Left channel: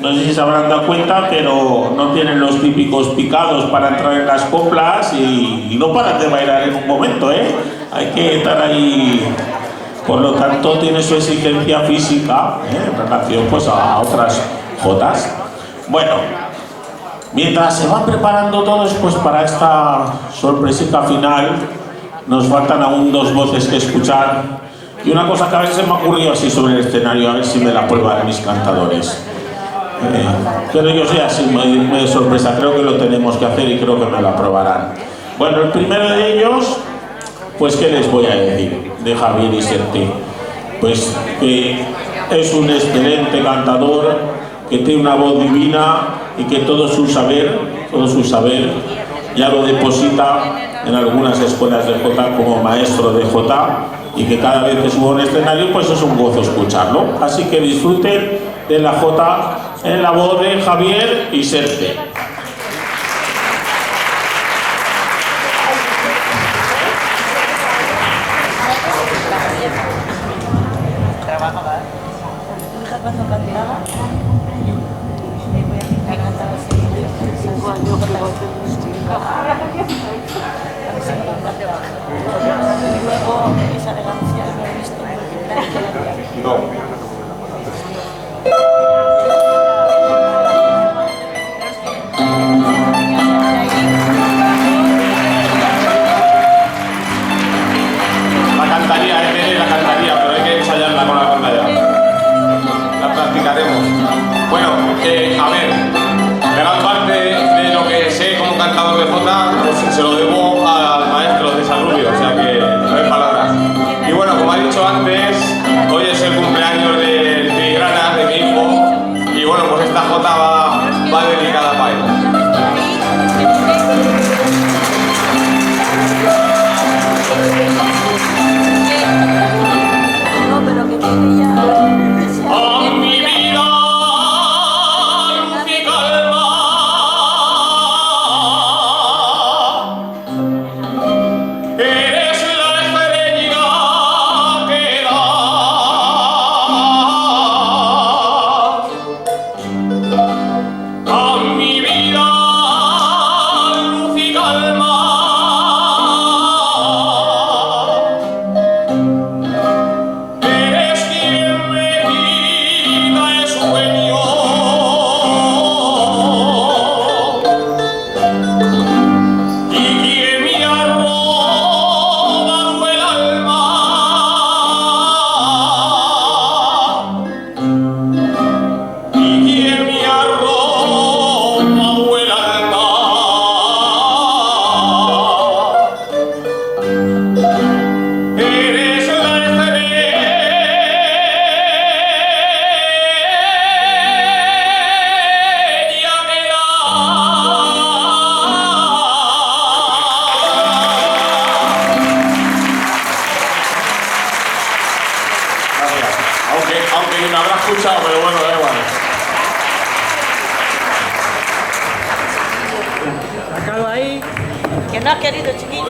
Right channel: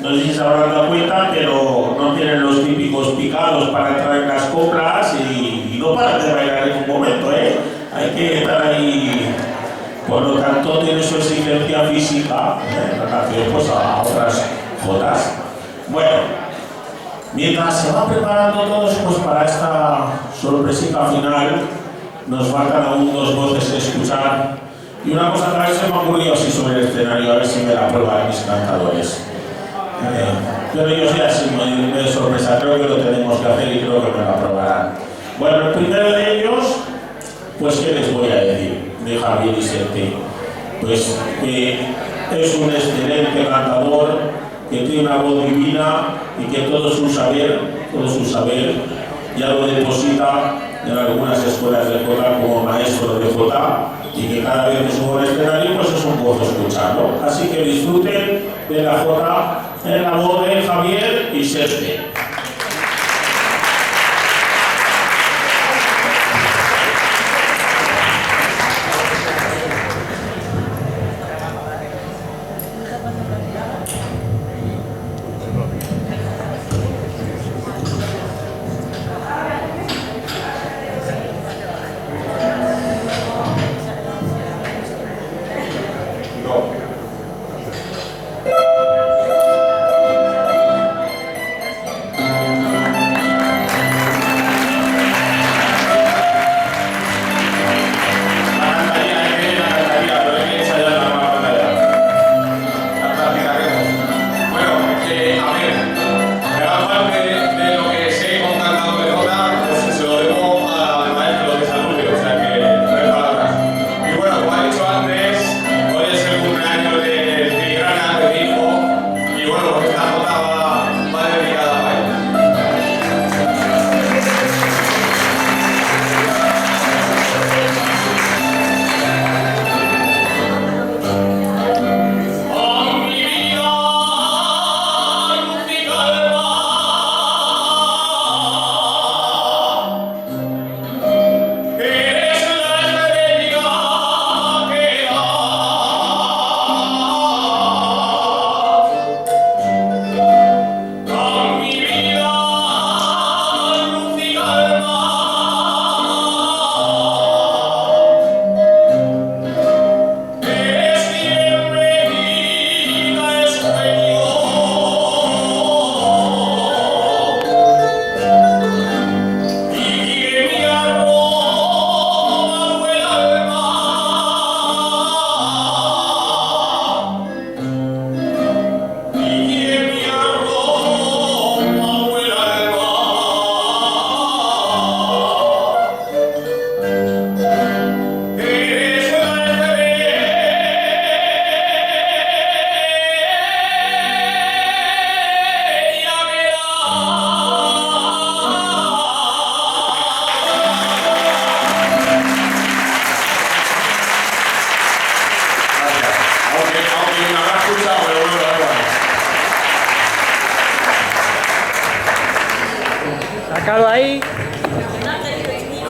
No sé si se habrán dado cuenta, pero no tienen los típicos picados para entrar en las coplas y no paran de bailar en un momento, ¿eh? Hay que estar ahí. Por lo tanto, tiene su exigencia física en relación pues, a otras jotas. Bueno, mientras se van preparando todos pues, para esta sorpresita final, nos faltan aún dos voces que escuchar. Y una cosa que a veces me ha ocurrido así sobre el escenario, a ver si me la prueban mis cantadores. Pero yo soy así, muy de sorpresa, creo que lo tenemos que hacer y creo que me la aprobarán. Bueno, el primero de ellos, pues ¿qué les voy a decir de Javier Iserte? Pues que es un excelente cantador, que tiene una voz divina y que todo su saber ya lo deposita en algunas escuelas de jota como maestro de jota, y que cada vez que subo al escenario pues es un gozo escucharlo. Así que disfruten de la jota en la voz de Javier Iserte. Aunque me habrá escuchado, pero bueno, da igual. Sácalo ahí. Que no ha querido, chiquillo.